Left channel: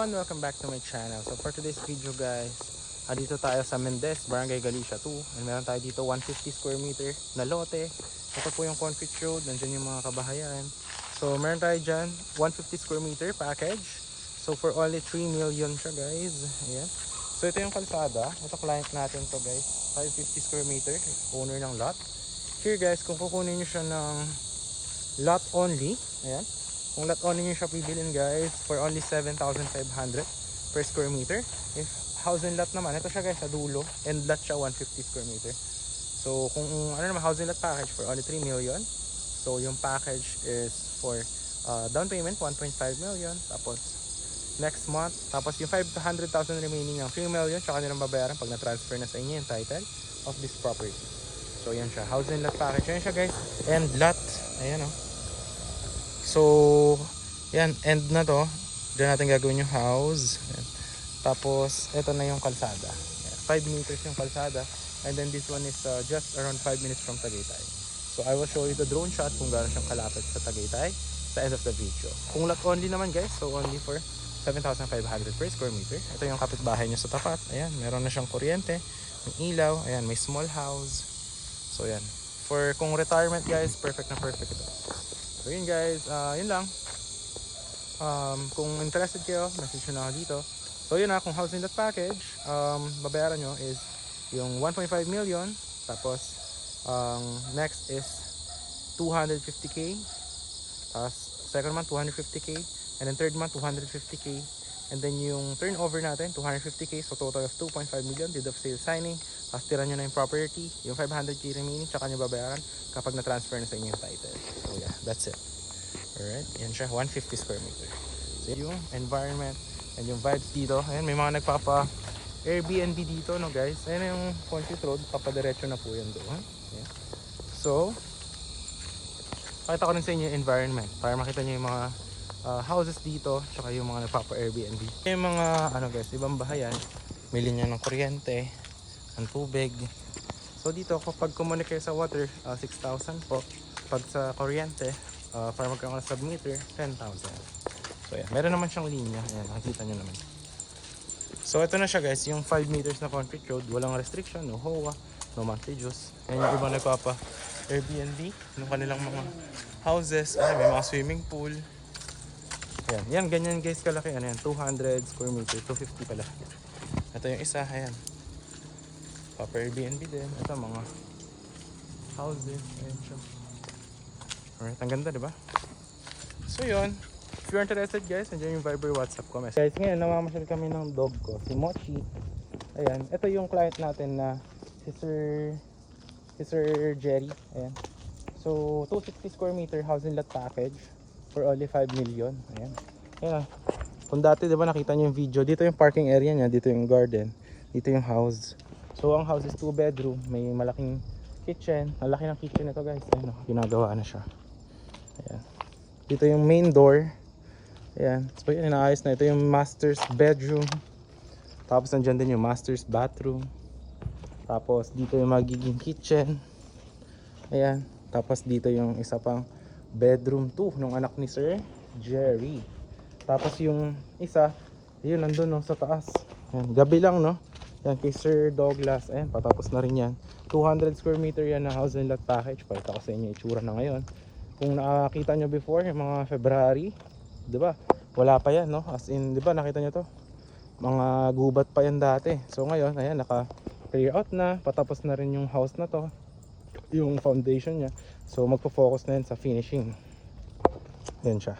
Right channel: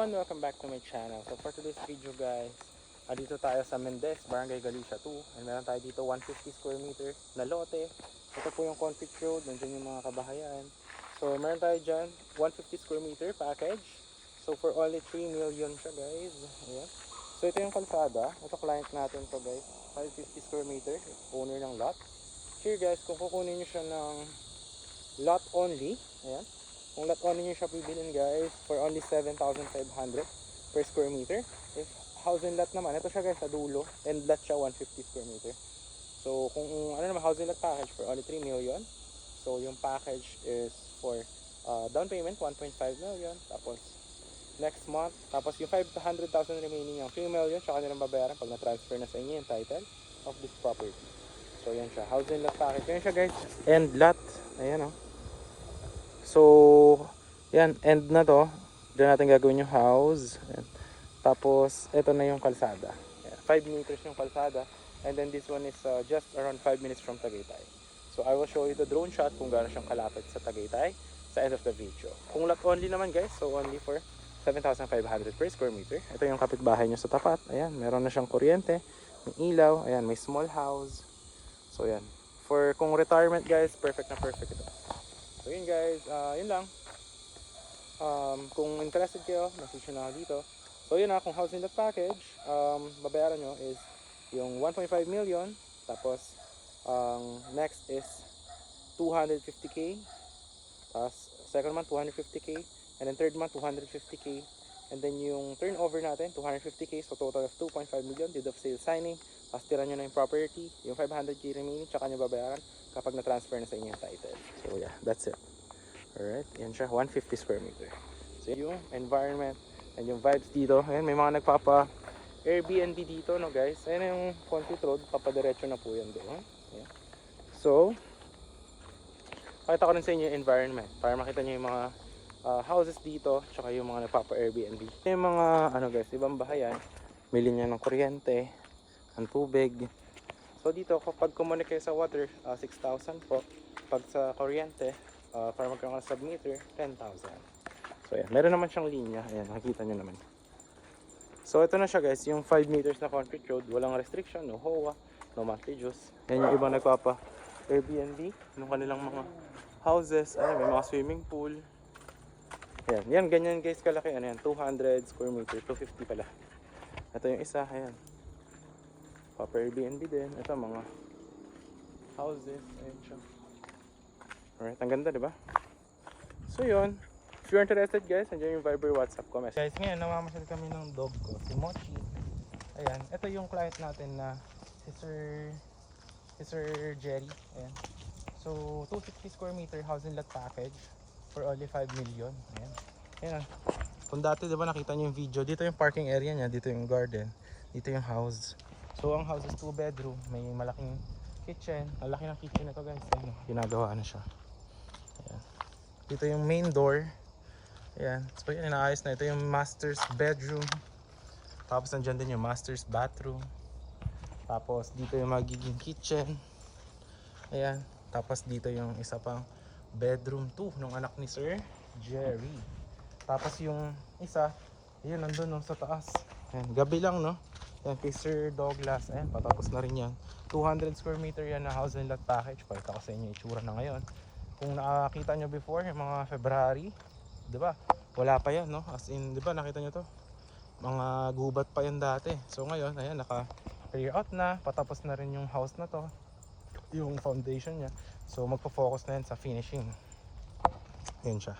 everyone, welcome back to my channel. So for today's video guys, dito tayo sa Mendez, Barangay Galicia 2. And meron tayo dito 150 square meter na lote. Ito po yung concrete road, nandyan yung mga kabahayan. So meron tayo dyan 150 square meter package. So for only 3 million siya guys. Ayan. So ito yung kalsada, ito client natin to guys, 550 square meter, owner ng lot. Here guys, kung kukunin nyo siya ng lot only, ayan, kung lot only nyo siya bibilin guys for only 7,500 per square meter. If housing lot naman, ito siya guys sa dulo, and lot siya 150 square meter. So kung ano naman housing lot package for only 3 million. So yung package is for down payment 1.5 million, tapos next month, tapos yung 500,000 remaining ng 3 million tsaka nilang babayaran pag na-transfer na sa inyo yung title of this property. So yan siya, housing lot package. Yan siya guys, and lot, ayan o. So yan, end na to. Diyan natin gagawin yung house. Ayan. Tapos ito na yung kalsada, 5 meters yung kalsada. And then this one is just around 5 minutes from Tagaytay. So I will show you the drone shot kung gaano siyang kalapit sa Tagaytay sa end of the video. Kung lot only naman guys, so only for 7,500 per square meter. Ito yung kapitbahay nyo sa tapat. Ayan, meron na siyang kuryente, may ilaw, ayan, may small house. So yan, for kung retirement guys, perfect na perfect ito. So yun guys, yun lang. Kung interested kayo, message nyo na ako dito. So yun na, kung housing lot package, babayaran nyo is yung 1.5 million. Tapos next is 250k. Tapos second month 250k. And then third month 250k. And then yung turnover natin 250k, so total of 2.5 million. Deed of sale signing, tapos tira nyo na yung property. Yung 500k remaining tsaka nyo babayaran kapag na-transfer na sa inyo yung title. So yeah, that's it. Alright, yan siya, 150 square meter. So yung environment and yung vibes dito. Ayan, may mga nagpapa Airbnb dito no guys. Ayan yung concrete road, papadiretso na po yan doon. Ayan. So pakita ko rin sa inyo yung environment para makita nyo yung mga houses dito, tsaka yung mga nagpapa Airbnb. Yung mga ano guys, ibang bahayan, may linya ng kuryente, ng tubig. So dito kapag kumunik kayo sa water, 6,000 po. Pag sa kuryente, para magkaroon ng sub-meter, 10,000. So yan, meron naman siyang linya. Ayan, nakikita nyo naman. So ito na siya guys, yung 5 meters na concrete road, walang restriction, no HOA, no monthly dues. Yan yung ibang nagpapa Airbnb, ng kanilang mga houses. Ayan, may mga swimming pool. Ayan, yan, ganyan guys kalaki. Ano yan, 200 square meter, 250 pala. Ito yung isa, ayan. Papa Airbnb din. Ito mga houses. Ayan siya. Alright, ang ganda diba? So yun, if you're interested guys, nandiyan yung Viber WhatsApp ko. Guys, ngayon namamasyal kami ng dog ko, si Mochi. Ayan, ito yung client natin na si Sir Jerry. Ayan. So 260 square meter housing lot package for only 5 million. Ayan. Ayan. Kung dati diba nakita nyo yung video, dito yung parking area niya, dito yung garden, dito yung house. So ang house is 2 bedroom, may malaking kitchen. Malaki ng kitchen nito guys. Ayan, ginagawa na siya. Ayan. Dito yung main door. Ayan. So yun, inaayos na. Ito yung master's bedroom. Tapos nandyan din yung master's bathroom. Tapos dito yung magiging kitchen. Ayan. Tapos dito yung isa pang bedroom 2 ng anak ni Sir Jerry. Tapos yung isa, yun nandun no, sa taas. Ayan. Gabi lang no. Yan kay Sir Douglas. Ayan, patapos na rin yan. 200 square meter yan na house and lot package. Pakita ko sa inyo itsura na ngayon. Kung nakakita nyo before, yung mga February, diba? Wala pa yan, no? As in, diba, nakita nyo to? Mga gubat pa yan dati. So ngayon, ayan, naka-clear out na. Patapos na rin yung house na to. Yung foundation niya. So magpo-focus na yan sa finishing. Yan siya.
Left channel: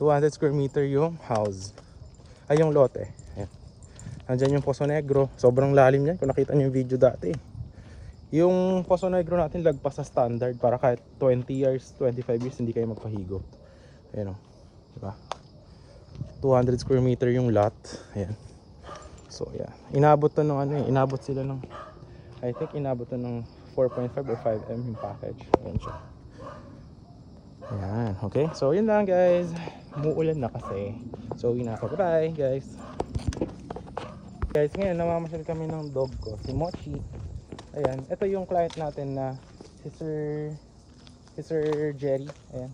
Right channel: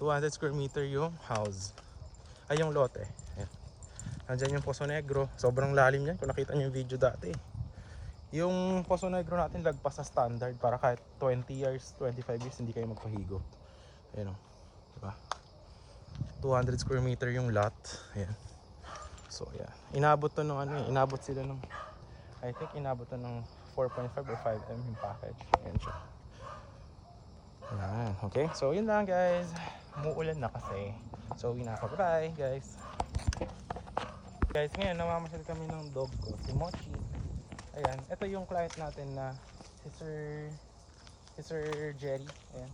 200 square meter yung house. Ay, yung lote. Ayan. Nandyan yung Poso Negro. Sobrang lalim yan. Kung nakita nyo yung video dati. Yung Poso Negro natin lagpas sa standard para kahit 20 years, 25 years hindi kayo magpahigo. Ayan o, diba? 200 square meter yung lot. Ayan. So yeah, inabot to ng ano, inabot sila ng, I think inabot to ng 4.5 or 5M yung package. Ayan siya. Ayan, okay. So yun lang guys. Umuulan na kasi. So yun na ako. Bye guys. Guys, ngayon namamasyal kami ng dog ko, si Mochi. Ayan, ito yung client natin na si Sir Jerry. Ayan.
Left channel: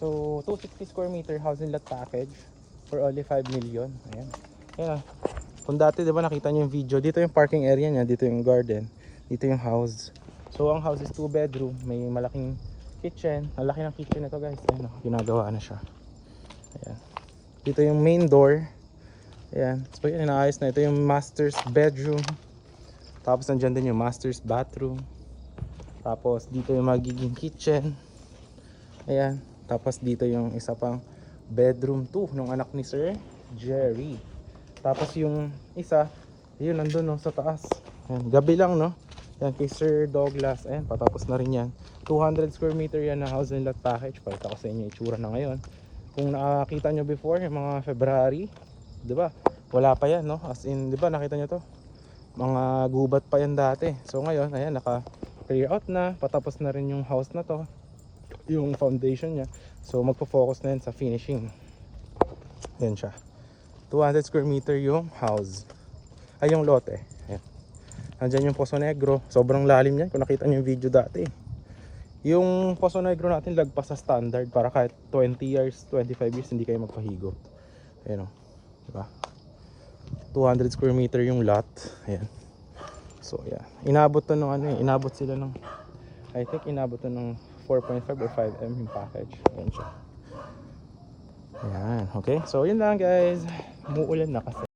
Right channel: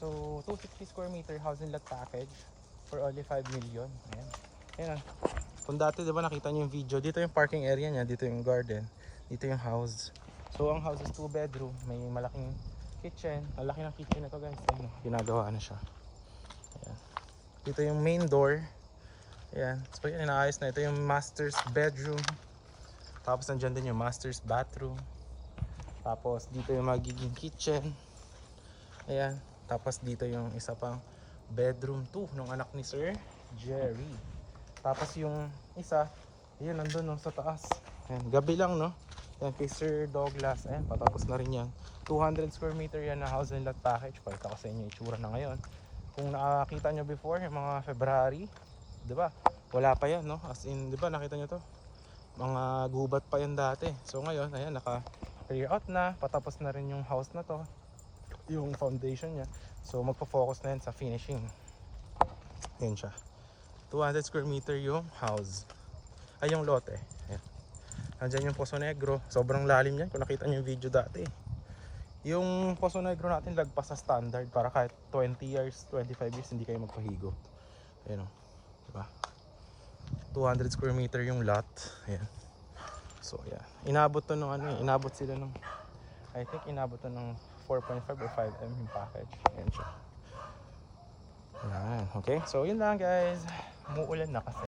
So 260 square meter housing lot package for only 5 million. Ayan. Ayan. Kung dati 'di ba nakita niyo yung video, dito yung parking area niya, dito yung garden, dito yung house. So ang house is 2 bedroom, may malaking kitchen. Ang laki ng kitchen nito guys. Ayan, oh, ginagawa na siya. Ayan. Dito yung main door. Ayan. So yan, inaayos na. Ito yung master's bedroom. Tapos nandyan din yung master's bathroom. Tapos dito yung magiging kitchen. Ayan. Tapos dito yung isa pang bedroom 2 ng anak ni Sir Jerry. Tapos yung isa, yun nandun no, sa taas. Ayan. Gabi lang no. Yan kay Sir Douglas. Ayan, patapos na rin yan. 200 square meter yan na house and lot package. Pakita ko sa inyo yung itsura na ngayon. Kung nakakita nyo before, yung mga February, 'di ba? Wala pa yan, no? As in, 'di ba, nakita niyo to? Mga gubat pa yan dati. So ngayon, ayan, naka-clear out na, patapos na rin yung house na to. Yung foundation niya. So magfo-focus na yan sa finishing. Yan siya. 200 square meter yung house. Ay, yung lote. Ayan. Nandiyan yung Poso Negro. Sobrang lalim yan kung nakita niyo yung video dati. Yung Poso Negro natin lagpas sa standard para kahit 20 years, 25 years hindi kayo magpahigo. Ayan o. Diba? 200 square meter yung lot. Ayan. So yeah. Inabot to ng ano eh. Inabot sila ng, I think inabot to ng 4.5 or 5M yung package. Ayan siya. Ayan. Okay. So yun lang guys. Umuulan na kasi.